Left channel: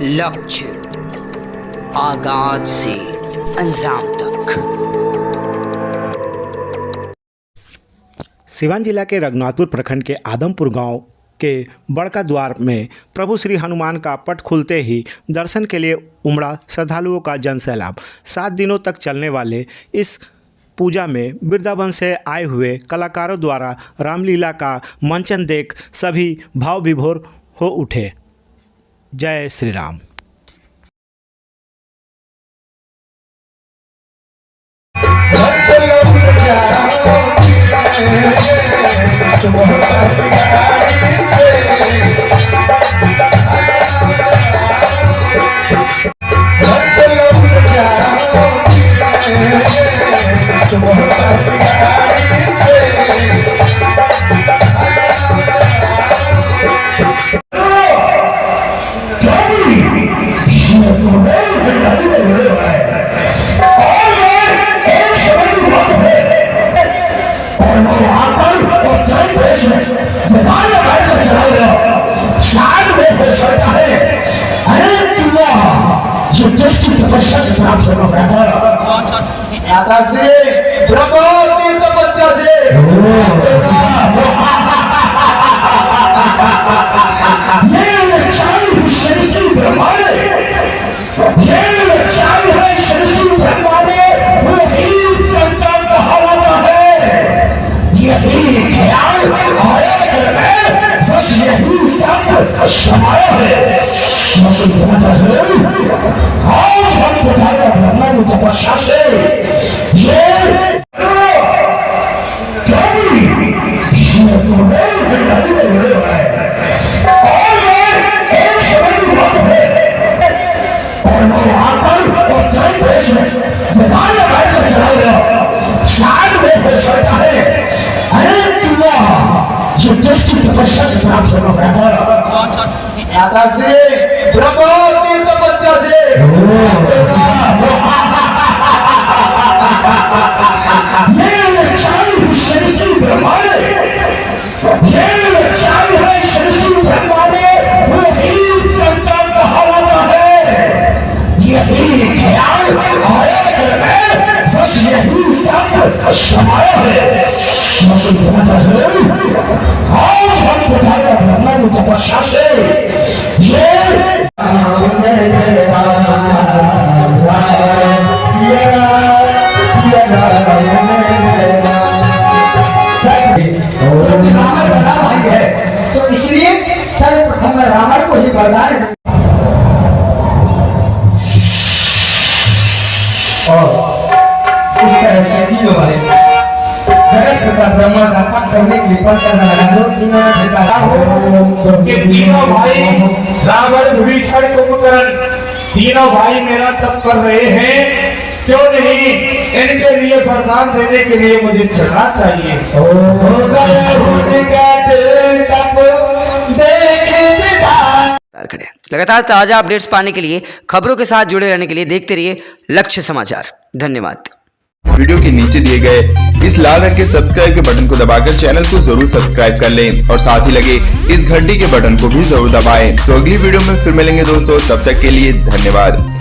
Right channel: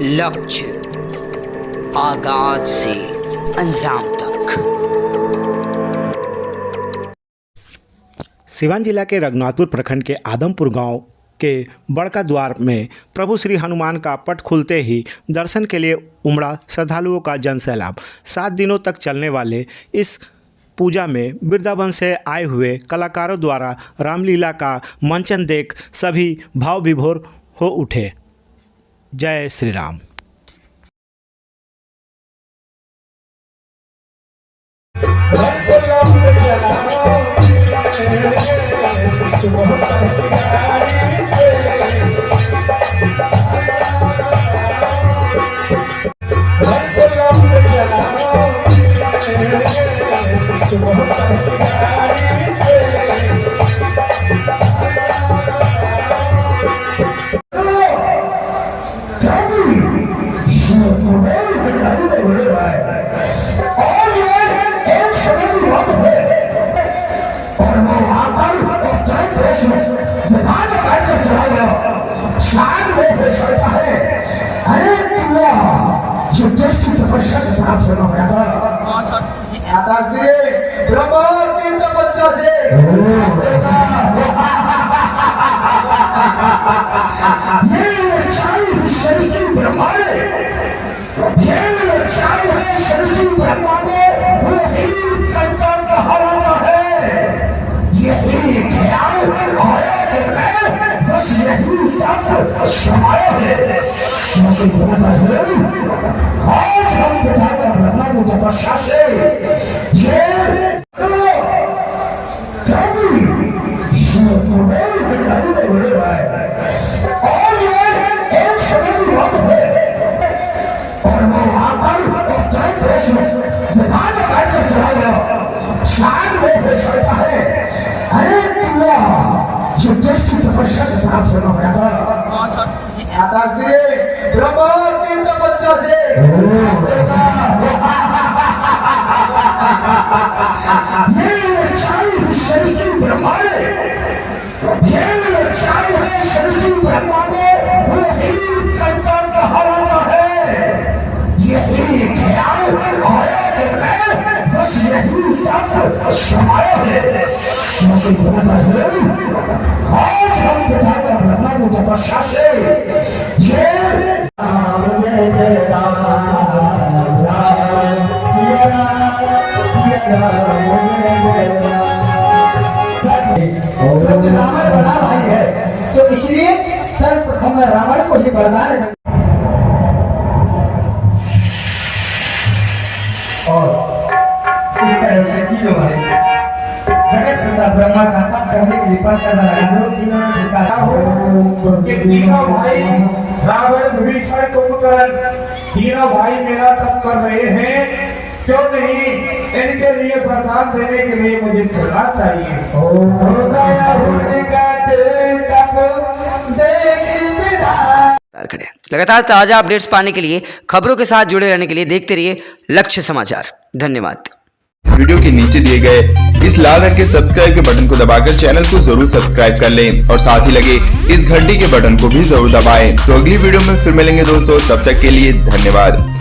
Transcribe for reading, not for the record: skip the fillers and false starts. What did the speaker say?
लक्ष्य आगाज से अंजाम तक। सिवान जिला के रघुनाथपुर प्रखंड के आदमपुर गांव के बड़का द्वार में प्रभु श्री हनुमान का पट खुलते ही दर्शन के लिए उमड़ा श्रद्धालुओं का जनसैलाब। 7 दिनों तक चलने वाले इस पूजा में वृंदावन से आए हुए कलाकारों द्वारा रामलीला का मंचन देख सभी भाव विभोर हो उठे। जय श्री राम। तो इसलिए सर्वप्रथम रावण को ही वरदान और इस तरह से तीनों भाई जगत पिता ब्रह्मा का पद करने के लिए पद करना लगा दो। इन्होंने ठिकाना कि तीनों भाई रावण विभीषण कुंभकर्ण तीनों भाई मेरा तप कर रहे हैं, क्यों नहीं इनके लिए वरदान देने के लिए मुझे चलना चाहिए। लगातार ताजा अपडेट्स पाने के लिए, खबरों के साथ जुड़े रहने के लिए देखते रहिए लक्ष्य समाचार। धन्यवाद। वीडियो के नीचे दिए गए इस लाल रंग के सब्सक्राइब के बटन को दबाकर चैनल को जरूर सब्सक्राइब कर लें और साथ ही लगे इस घंटी के बटन को भी जरूर दबाएं। तो अगली वीडियो में फिर मिलेंगे दोस्तों, तब तक के लिए धन्यवाद।